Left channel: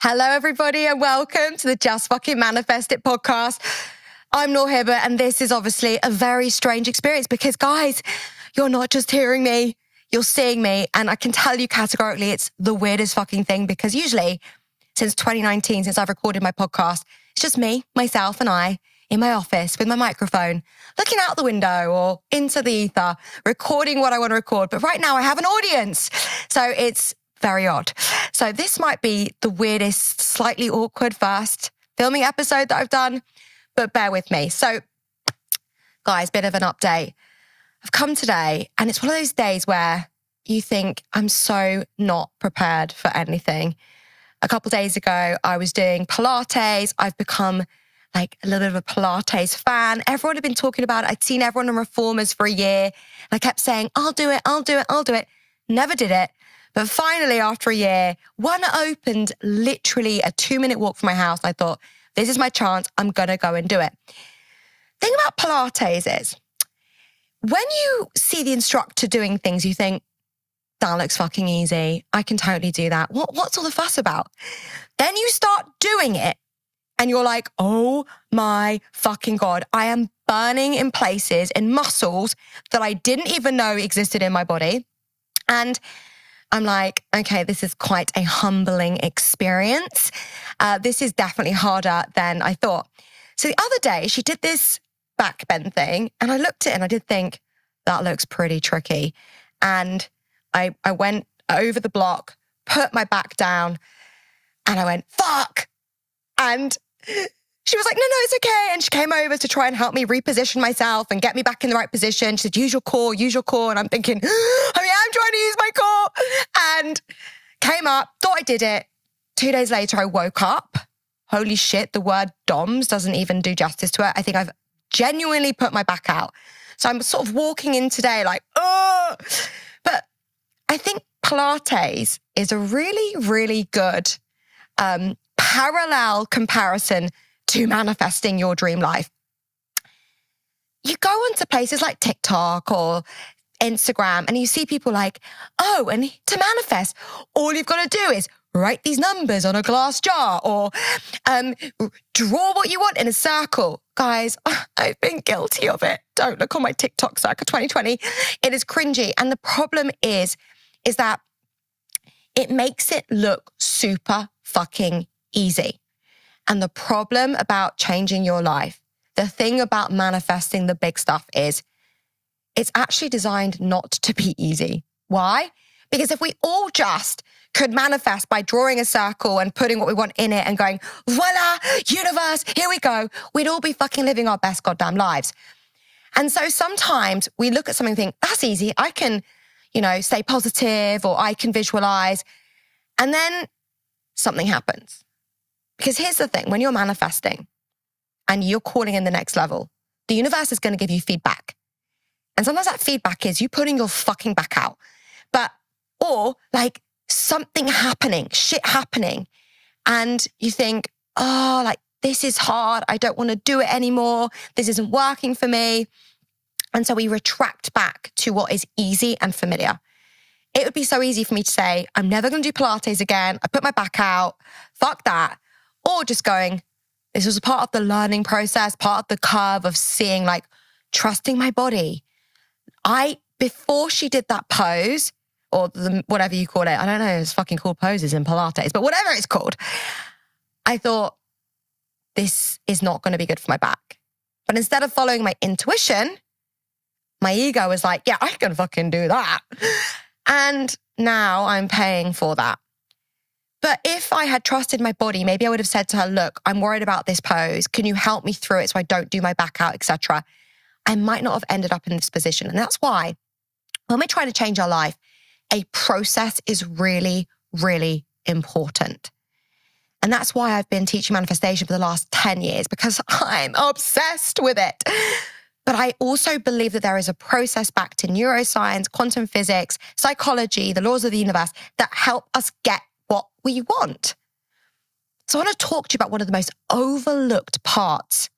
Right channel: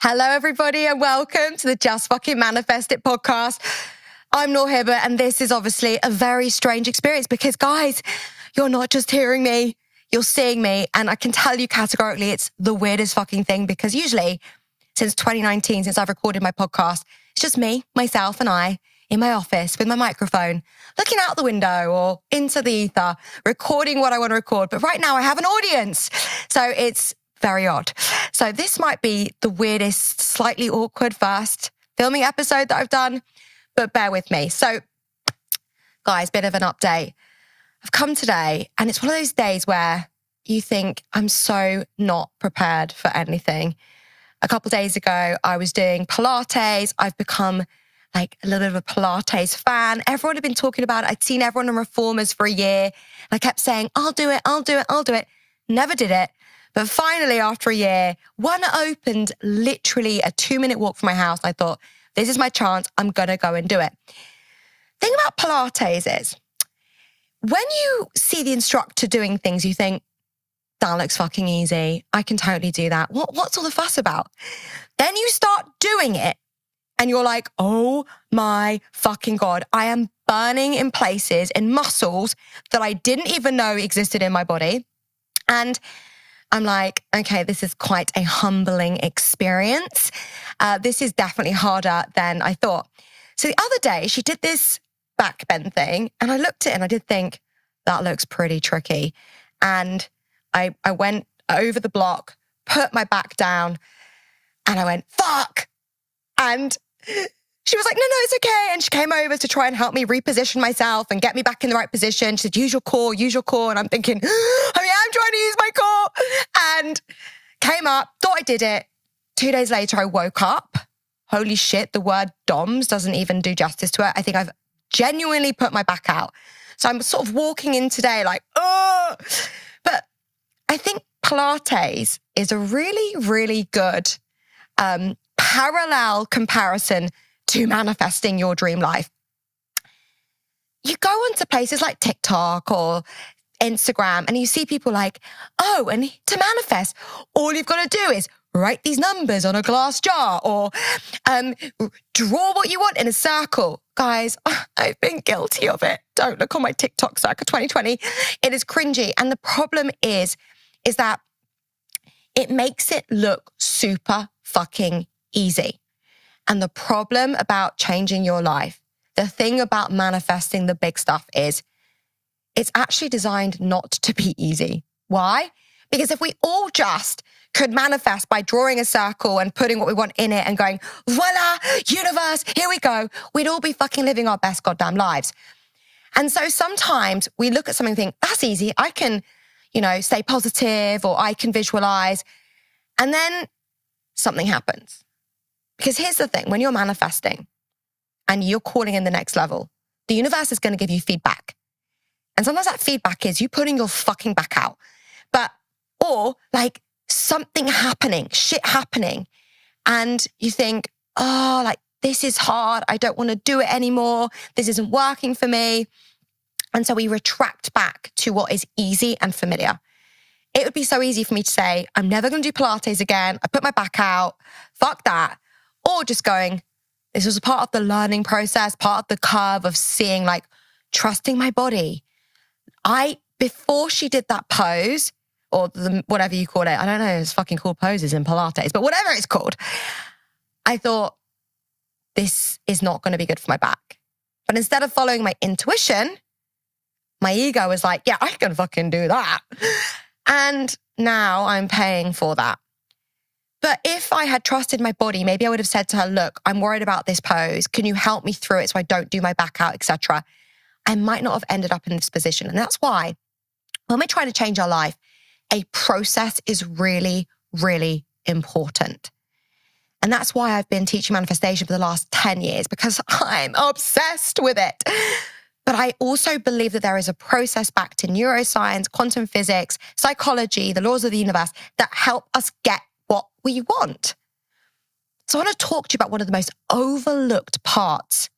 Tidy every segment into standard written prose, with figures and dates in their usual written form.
Hello, everybody, and welcome to the Just Fucking Manifest It podcast. I'm Noor, and this is obviously a very strange experience because, guys, you're not just hearing me, you're seeing me, and I can tell you categorically it's the weirdest fucking thing because usually, since 2019, since I've recorded my podcast, it's just me, myself, and I in my office with my microphone, looking out the window or into the ether, recording what I want to record. But right now I have an audience, so it's very odd. So this might be the weirdest, slightly awkward first filming episode that I've done, but bear with me. So, guys, bit of an update. I've come today, and it's one of those days where you think, I'm so not prepared for anything. A couple of days ago, I was doing Pilates. I've become like a little bit of a Pilates fan. Everyone had been talking about it. I'd seen everyone on Reformers for a year. And I kept saying, I'll do it, I'll do it, I'll do it. Never did it. But finally, after a year, one opened literally a 2-minute walk from my house. I thought, this is my chance. I'm going to go and do it. The thing about Pilates is, when you see the instructor doing things, you think, that looks fucking easy. I can totally do that. What's all the fuss about? Then you start doing it and you're like, oh my fucking God, I am burning in places, in muscles that I didn't even know existed in my body. And I'm like, okay, this is quite a humbling experience. This is definitely harder than I thought. So the other day, she did this back bend thing, and I looked at it and I did think, that looks pretty tricky. And I went over the block, put my back down, and I went, fuck. And she was like, no, it's okay. And she came over to try and help me reposition myself and get me back in the right position. She said, use your core. And I'm thinking, I'm trying to use my core. And came up, thought I did it. 2 days later, I woke up. Holy shit, the word DOMS doesn't even do justice to it. I think I've genuinely put my back out. So I'm sort of walking in today like, oh. But I think Pilates is a really, really good parallel comparison to manifesting your dream life. You go onto places like TikTok or Instagram and you see people like, oh, and to manifest, all you've got to do is write these numbers on a glass jar or draw what you want in a circle. Guys, I've been guilty of it. Don't look on my TikTok circle 2020. It is cringy. And the problem is that it makes it look super fucking easy. And the problem about changing your life, the thing about manifesting the big stuff is it's actually designed not to be easy. Why? Because if we all just could manifest by drawing a circle and putting what we want in it and going, voila, universe, here we go, we'd all be fucking living our best goddamn lives. And so sometimes we look at something and think, that's easy. I can, stay positive or I can visualize. And then something happens. Because here's the thing, when you're manifesting and you're calling in the next level, the universe is going to give you feedback. And sometimes that feedback is you putting your fucking back out. Or like something happening, shit happening. And you think, oh, like this is hard. I don't want to do it anymore. This isn't working for me. And so we retract back to what is easy and familiar. It would be so easy for me to say, I'm never going to do Pilates again. I put my back out. Fuck that. Or just going, this was a part of the learning process, part of the curve of seeing, like, trusting my body. Before she did that pose, or whatever you call it, I don't know, it's fucking called poses in Pilates, but whatever it's called, I thought, this is not going to be good for my back. But instead of following my intuition, my ego was like, yeah, I can fucking do that. And now I'm paying for that. But if I had trusted my body, maybe I would have said to her, look, I'm worried about this pose. Can you help me through it so I don't do my back out, etc.? I might not have ended up in this position. And that's why when we're trying to change our life, a process is really, really important. And that's why I've been teaching manifestation for the last 10 years, because I'm obsessed with it. But I also believe that there is a process back to neuroscience, quantum physics, psychology, the laws of the universe that help us get what we want. So I want to talk to you about one of the most overlooked parts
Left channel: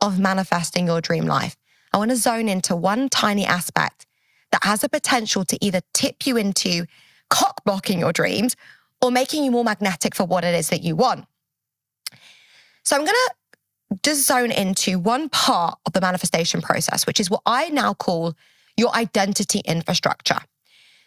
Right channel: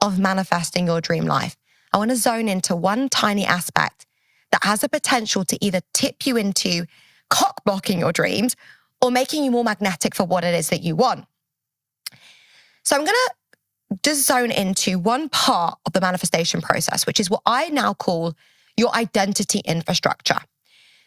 of manifesting your dream life. I want to zone into one tiny aspect that has the potential to either tip you into cock blocking your dreams or making you more magnetic for what it is that you want. So I'm going to just zone into one part of the manifestation process, which is what I now call your identity infrastructure.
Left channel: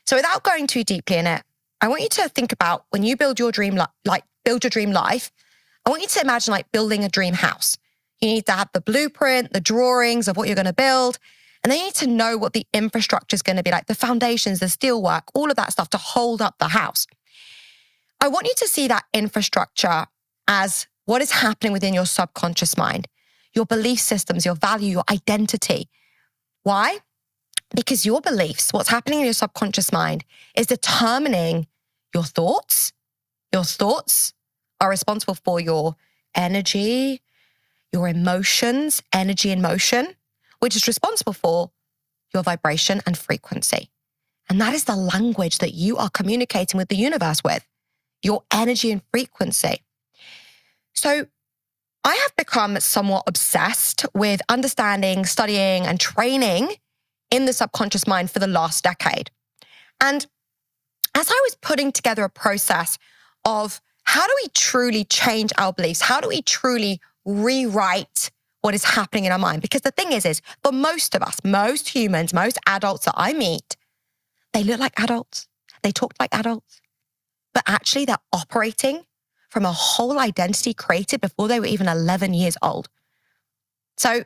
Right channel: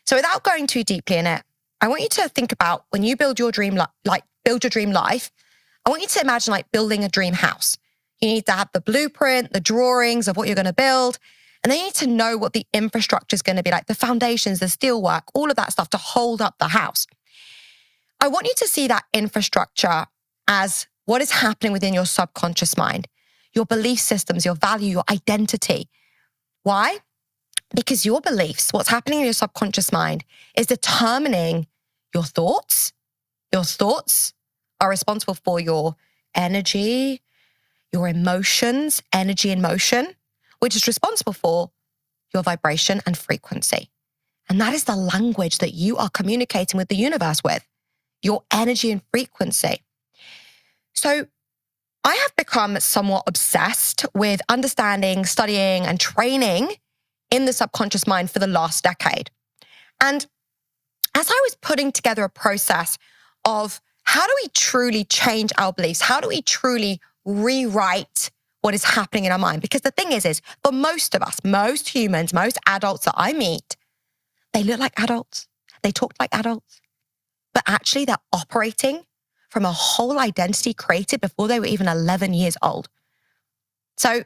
So without going too deeply in it, I want you to think about when you build your dream life, I want you to imagine like building a dream house. You need to have the blueprint, the drawings of what you're going to build, and then you need to know what the infrastructure is going to be like, the foundations, the steelwork, all of that stuff to hold up the house. I want you to see that infrastructure as what is happening within your subconscious mind, your belief systems, your value, your identity. Why? Because your beliefs, what's happening in your subconscious mind, is determining your thoughts. Your thoughts are responsible for your energy, your emotions, energy and motion, which is responsible for your vibration and frequency. And that is the language that you are communicating with the universe with, your energy and frequency. So I have become somewhat obsessed with understanding, studying, and training in the subconscious mind for the last decade. And as I was putting together a process of how do we truly change our beliefs? How do we truly rewrite what is happening in our mind? Because the thing is for most of us, most humans, most adults that I meet, they look like adults. They talk like adults. But actually they're operating from a whole identity created before they were even 11 years old. So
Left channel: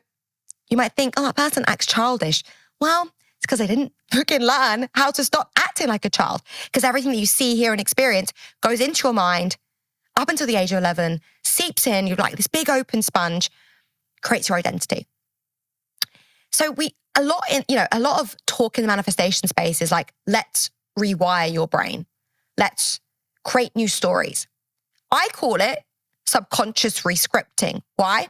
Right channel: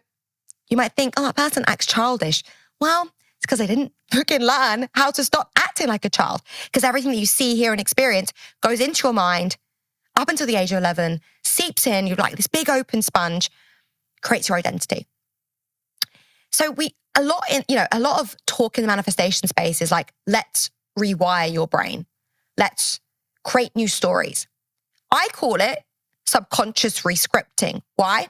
you might think, oh, that person acts childish. Well, it's because they didn't freaking learn how to stop acting like a child. Because everything that you see, hear, and experience goes into your mind up until the age of 11, seeps in, you're like this big open sponge, creates your identity. So a lot of talk in the manifestation space is like, let's rewire your brain. Let's create new stories. I call it subconscious rescripting. Why?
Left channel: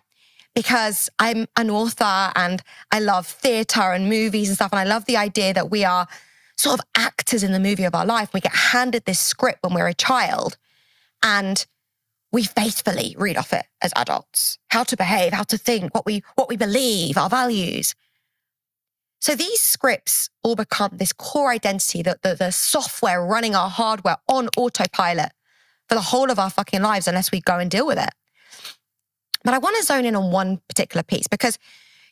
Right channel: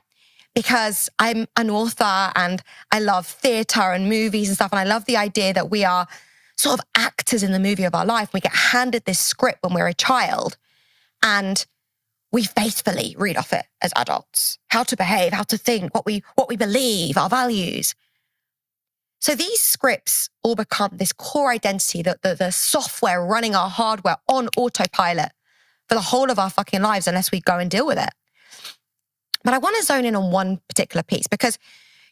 Because I'm an author and I love theater and movies and stuff. And I love the idea that we are sort of actors in the movie of our life. We get handed this script when we're a child and we faithfully read off it as adults. How to behave, how to think, what we believe, our values. So these scripts all become this core identity, the software running our hardware on autopilot for the whole of our fucking lives unless we go and deal with it. But I want to zone in on one particular piece because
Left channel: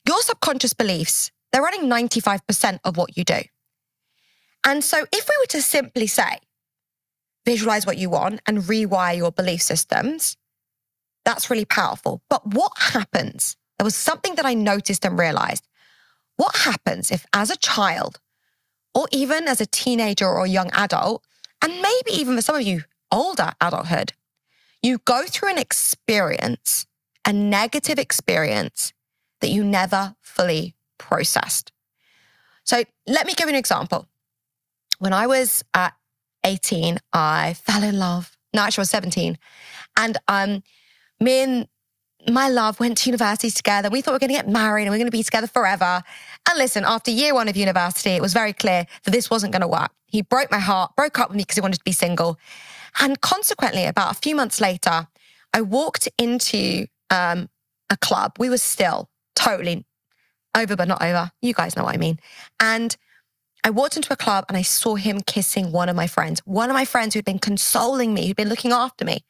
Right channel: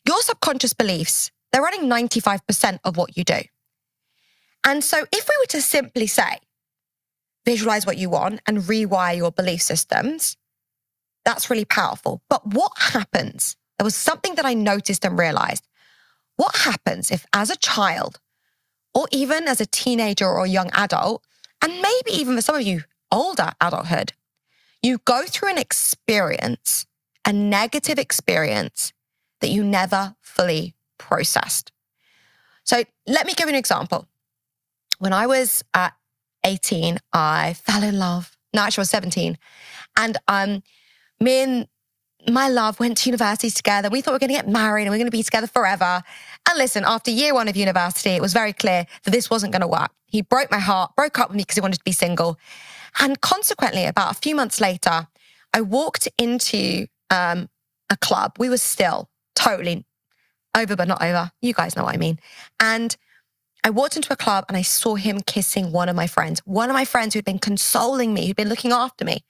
your subconscious beliefs, they're running 95% of what you do. And so if we were to simply say, visualize what you want and rewire your belief systems, that's really powerful. But what happens? There was something that I noticed and realized. What happens if as a child or even as a teenager or young adult, and maybe even for some of you, older adulthood, you go through an experience, a negative experience that you never fully processed. So let me give you an example. When I was 18, I fell in love. No, actually I was 17. And me and my love went to university together. We thought we were going to get married and we are going to be together forever. And listen, after year one of university, it was very clear that this wasn't going to work. He broke my heart, broke up with me because he wanted to be single. And consequently, about a few months later, I walked into a club. We were still totally over, but not over. You guys know what I mean. And I walked into a club and I saw him kissing one of my friends who'd been consoling me, who'd been looking after me.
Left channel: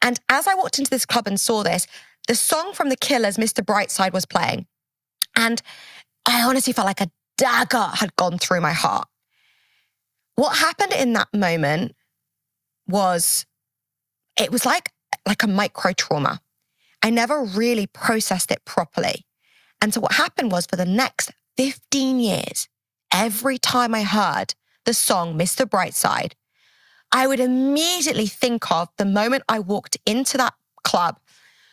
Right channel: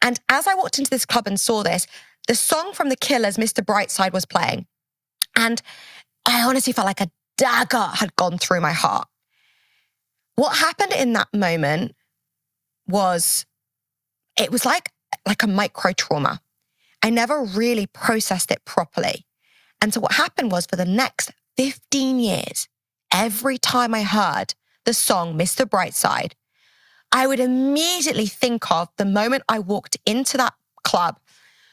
And as I walked into this club and saw this, the song from The Killers, Mr. Brightside, was playing. And I honestly felt like a dagger had gone through my heart. What happened in that moment was, it was like a micro trauma. I never really processed it properly. And so what happened was for the next 15 years, every time I heard the song Mr. Brightside, I would immediately think of the moment I walked into that club,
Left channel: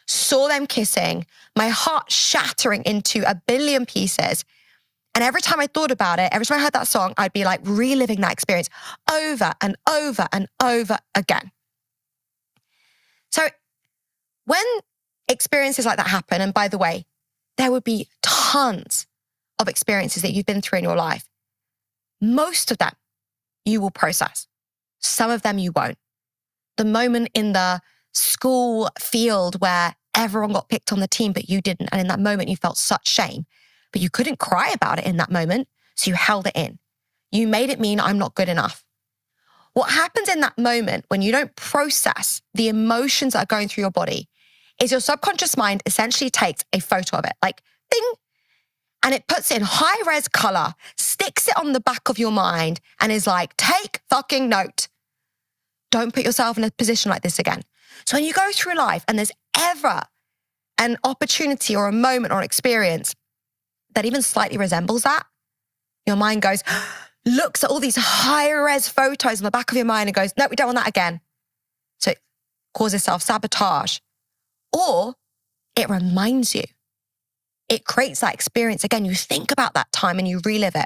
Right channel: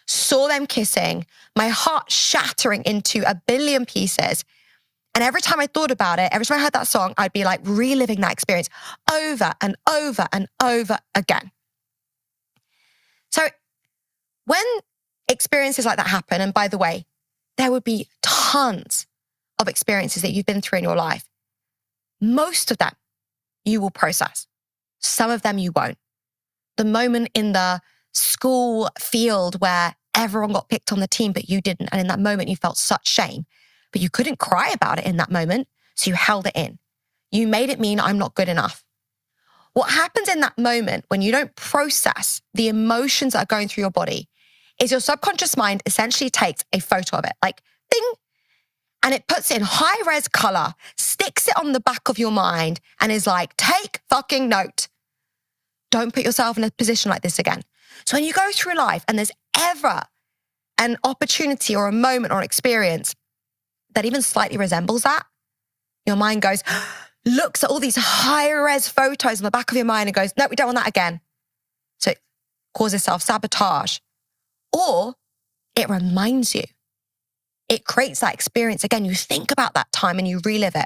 saw them kissing, my heart shattering into a billion pieces. And every time I thought about it, every time I heard that song, I'd be like reliving that experience over and over and over again. So when experiences like that happen, and by the way, there would be tons of experiences that you've been through in your life. Most of them you will process. Some of them you won't. The moment in the school field where everyone got picked on the team, but you didn't. And in that moment, you felt such shame, but you couldn't cry about it in that moment. So you held it in. You made it mean I'm not good enough. What happens in that moment when you don't process the emotions that are going through your body is your subconscious mind essentially takes a photo of it, like ding, and it puts it in high-res color, sticks it on the back of your mind, and is like, take fucking note. Don't put yourself in a position like this again. So when you go through life and there's ever an opportunity or a moment or experience that even slightly resembles that, your mind goes, looks at all these high-res photos on the back of your mind and goes, no, we don't want that again. So it causes self-sabotage. Or it reminds you. It creates that experience again. You think about that time and you relive it.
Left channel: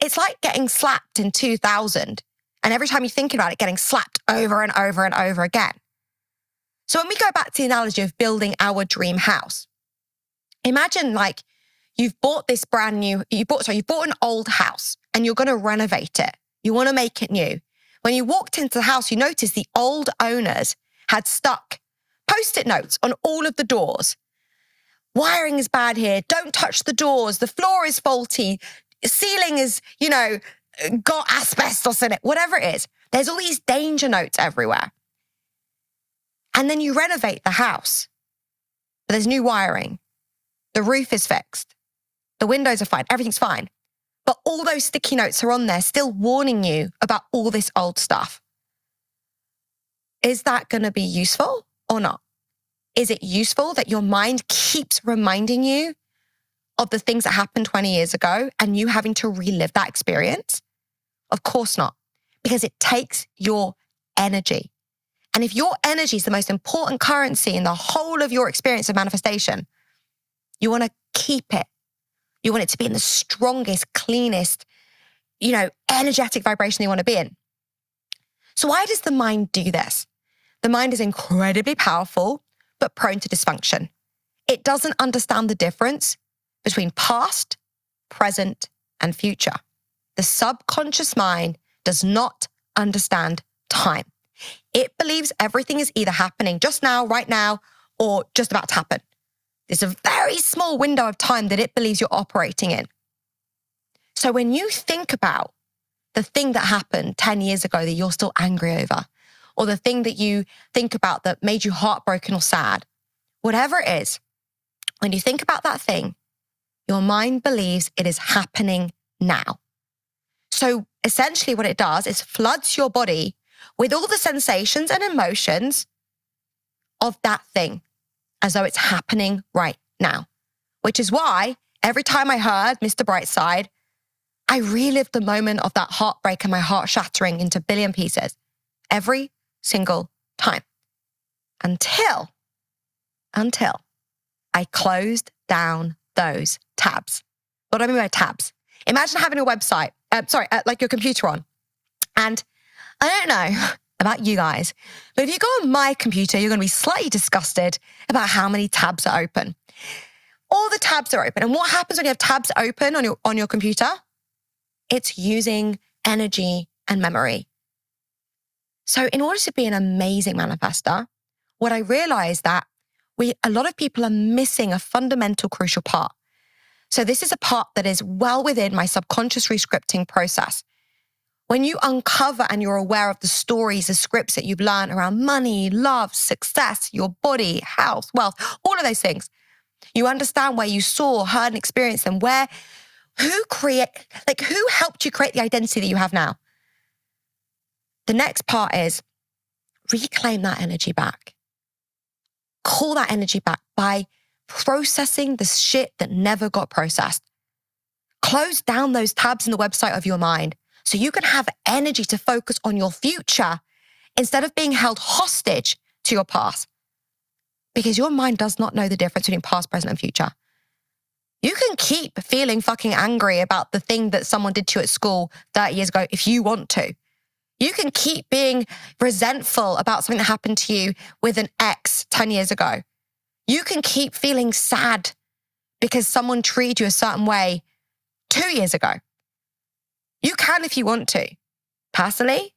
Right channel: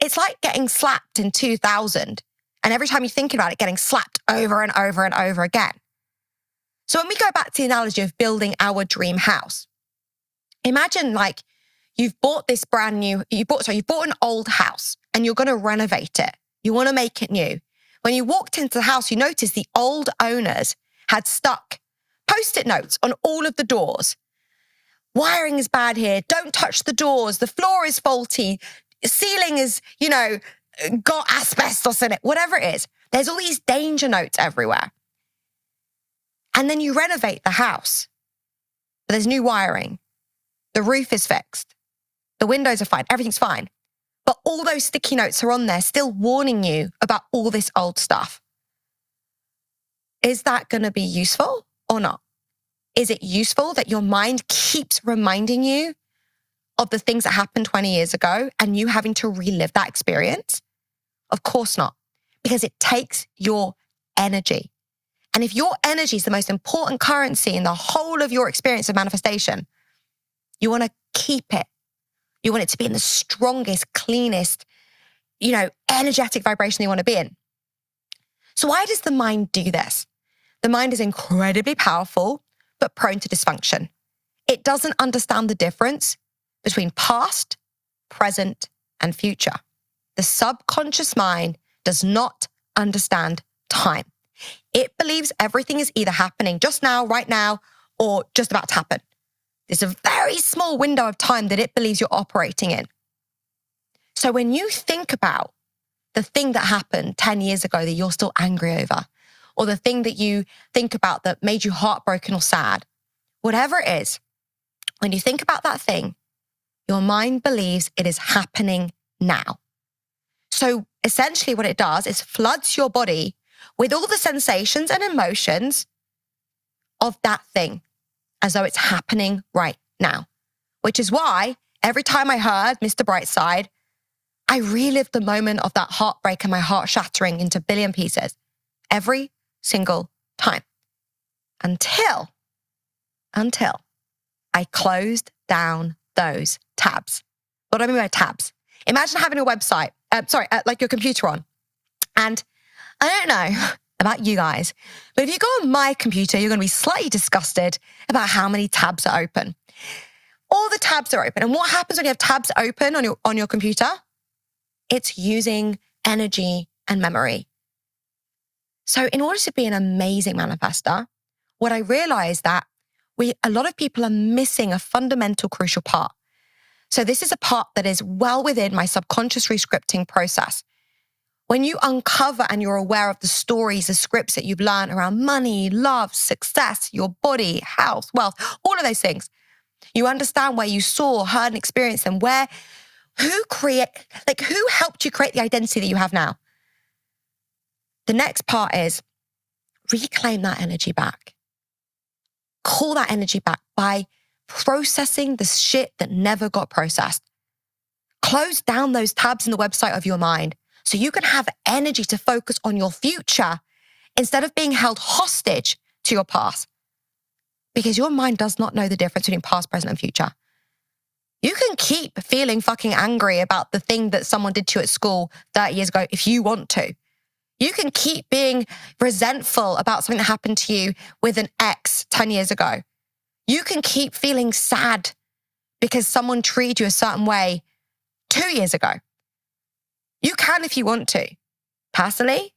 It's like getting slapped in 2000, and every time you think about it, getting slapped over and over and over again. So when we go back to the analogy of building our dream house, imagine like you've bought this brand new, you bought an old house and you're going to renovate it. You want to make it new. When you walked into the house, you noticed the old owners had stuck Post-it notes on all of the doors. Wiring is bad here. Don't touch the doors. The floor is faulty. Ceiling is, got asbestos in it. Whatever it is. There's all these danger notes everywhere. And then you renovate the house. There's new wiring. The roof is fixed. The windows are fine. Everything's fine. But all those sticky notes are on there still warning you about all this old stuff. Is that going to be useful or not? Is it useful that your mind keeps reminding you of the things that happened 20 years ago and you having to relive that experience? Of course not, because it takes your energy. And if your energy is the most important currency in the whole of your experience of manifestation, you want to keep it. You want it to be in the strongest, cleanest, energetic vibration you want to be in. So why does the mind do this? The mind is incredibly powerful, but prone to dysfunction. It doesn't understand the difference between past, present, and future. The subconscious mind does not understand time. It believes everything is either happening just now, right now, or just about to happen. There's a very small window of time that it believes you're operating in. So when you think about the thing that happened 10 years ago that you're still angry over, or the thing that you think about that made you heartbroken or sad, whatever it is, when you think about that thing, your mind believes it is happening now. So essentially what it does is floods your body with all the sensations and emotions of that thing, as though it's happening right now. Which is why every time I heard Mr. Brightside, I relived the moment of that heartbreak and my heart shattering into a billion pieces. Every single time. Until I closed down those tabs. What do I mean by tabs? Imagine having a website, like your computer on. And I don't know about you guys, but if you go on my computer, you're going to be slightly disgusted about how many tabs are open. All the tabs are open. And what happens when you have tabs open on your computer? It's using energy and memory. So in order to be an amazing manifester, what I realized that a lot of people are missing a fundamental crucial part. So this is a part that is well within my subconscious rescripting process. When you uncover and you're aware of the stories, the scripts that you've learned around money, love, success, your body, health, wealth, all of those things, you understand where you saw, heard, and experienced them, who helped you create the identity that you have now. The next part is reclaim that energy back. Call that energy back by processing the shit that never got processed. Close down those tabs in the website of your mind so you can have energy to focus on your future instead of being held hostage to your past. Because your mind does not know the difference between past, present, and future. You can keep feeling fucking angry about the thing that someone did to you at school 30 years ago if you want to. You can keep being resentful about something that happened to you with an ex 10 years ago. You can keep feeling sad because someone treated you a certain way 2 years ago. You can if you want to. Personally,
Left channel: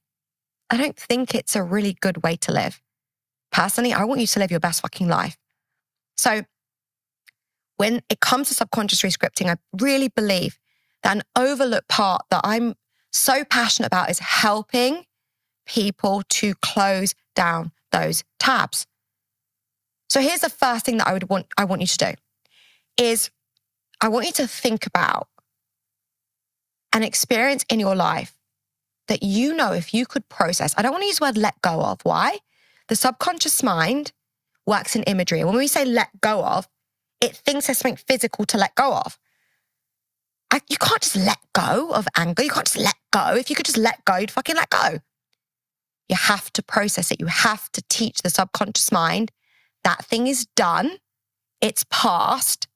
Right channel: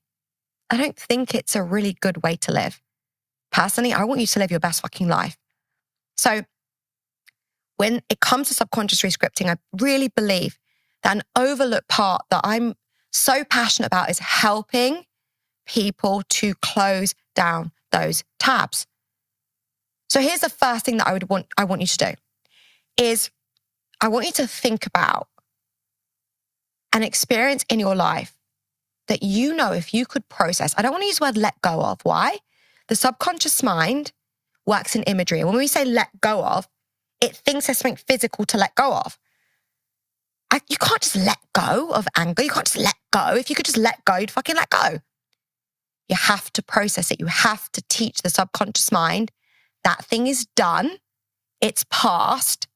I don't think it's a really good way to live. Personally, I want you to live your best fucking life. So when it comes to subconscious rescripting, I really believe that an overlooked part that I'm so passionate about is helping people to close down those tabs. So here's the first thing that I want you to do is I want you to think about an experience in your life that you know if you could process. I don't want to use the word let go of. Why? The subconscious mind works in imagery. When we say let go of, it thinks there's something physical to let go of. You can't just let go of anger. You can't just let go. If you could just let go, you'd fucking let go. You have to process it. You have to teach the subconscious mind that thing is done. It's past.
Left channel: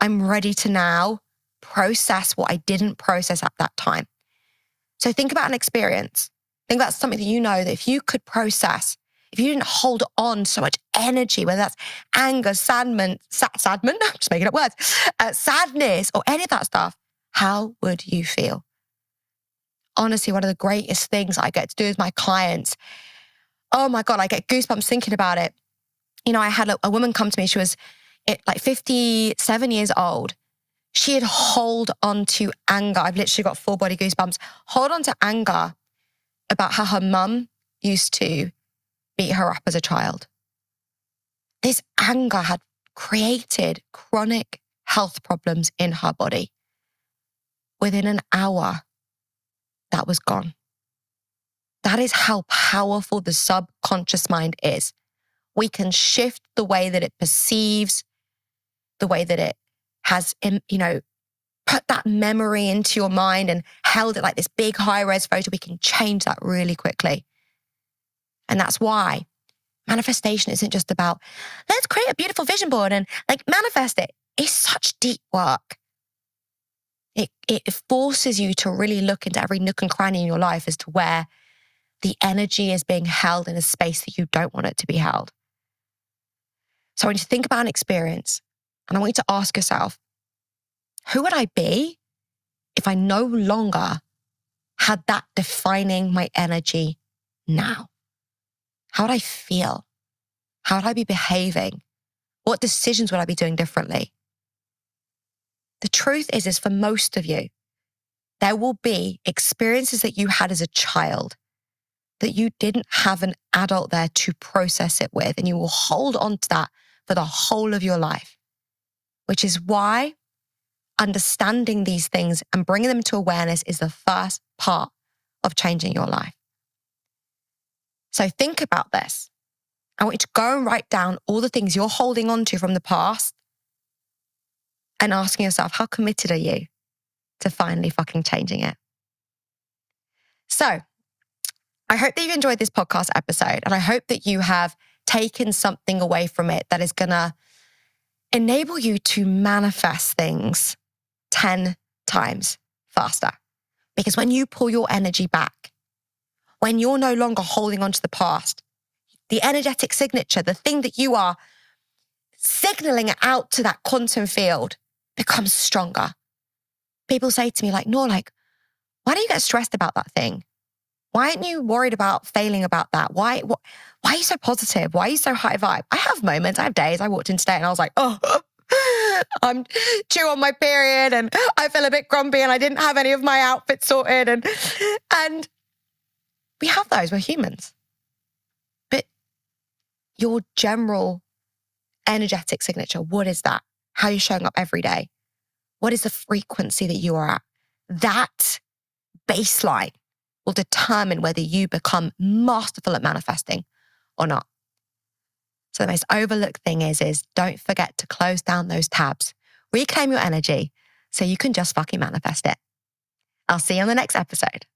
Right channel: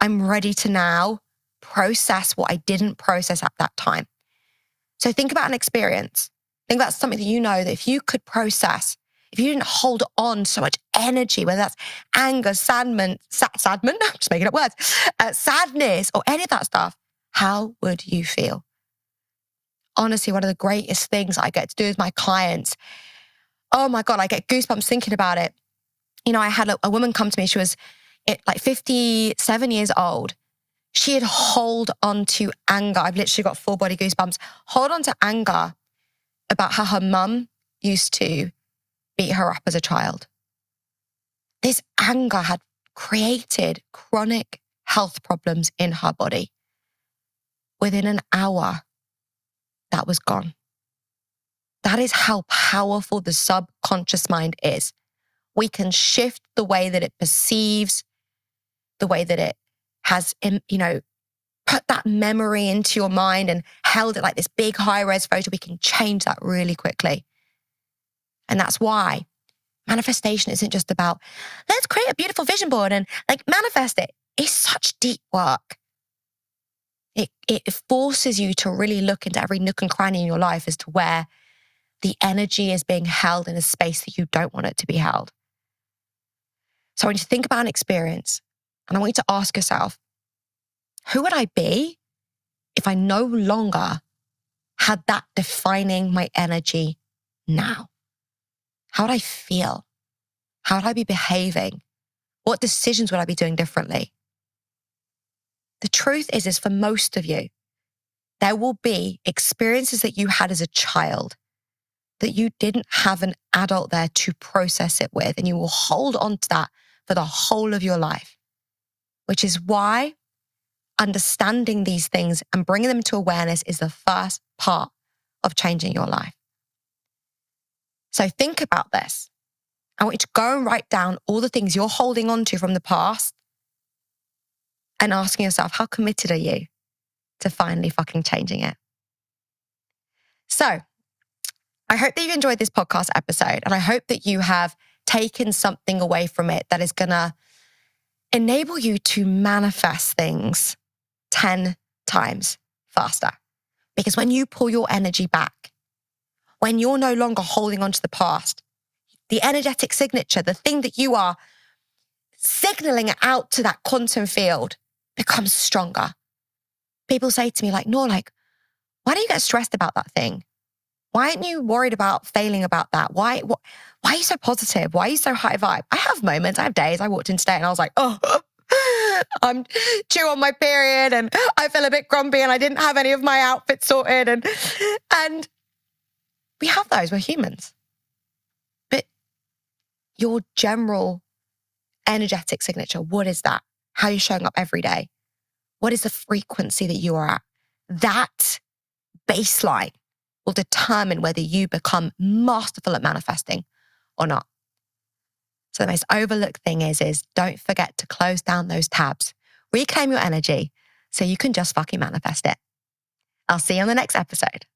I'm ready to now process what I didn't process at that time. So think about an experience. Think about something that you know that if you could process, if you didn't hold on so much energy, whether that's anger, sadness, I'm just making up words, sadness or any of that stuff, how would you feel? Honestly, one of the greatest things I get to do with my clients, oh my God, I get goosebumps thinking about it. You know, I had a woman come to me, she was like 57 years old. She had hold on to anger. I've literally got full body goosebumps. Hold on to anger about how her mum used to beat her up as a child. This anger had created chronic health problems in her body. Within an hour, that was gone. That is how powerful the subconscious mind is. We can shift the way that it perceives, the way that it has, put that memory into your mind and held it like this big high-res photo. We can change that really quickly. And that's why manifestation isn't just about, let's create a beautiful vision board and manifest it. It's such deep work. It forces you to really look into every nook and cranny in your life as to where the energy is being held in a space that you don't want it to be held. So I want you to think about an experience and I want you to ask yourself, who would I be if I no longer had that defining my energy now? How would I feel? How would I be behaving? What decisions would I be doing differently? The truth is for most of you, there will be experiences that you had as a child that you didn't have an adult there to process it with, and you will hold on to that for the whole of your life, which is why understanding these things and bringing them to awareness is the first part of changing your life. So think about this. I want you to go and write down all the things you're holding on to from the past and asking yourself, how committed are you to finally fucking changing it? So I hope that you enjoyed this podcast episode, and I hope that you have taken something away from it that is going to enable you to manifest things 10 times faster. Because when you pull your energy back, when you're no longer holding on to the past, the energetic signature, the thing that you are signaling out to that quantum field becomes stronger. People say to me Noor, why do you get stressed about that thing? Why aren't you worried about failing about that? Why are you so positive? Why are you so high vibe? I have moments, I have days. I walked in today and I was like, oh, I'm due on my period and I feel a bit grumpy and I didn't have any of my outfits sorted. And we have those, we're humans. But your general energetic signature, what is that? How are you showing up every day? What is the frequency that you are at? That baseline will determine whether you become masterful at manifesting or not. So the most overlooked thing is don't forget to close down those tabs. Reclaim your energy so you can just fucking manifest it. I'll see you on the next episode.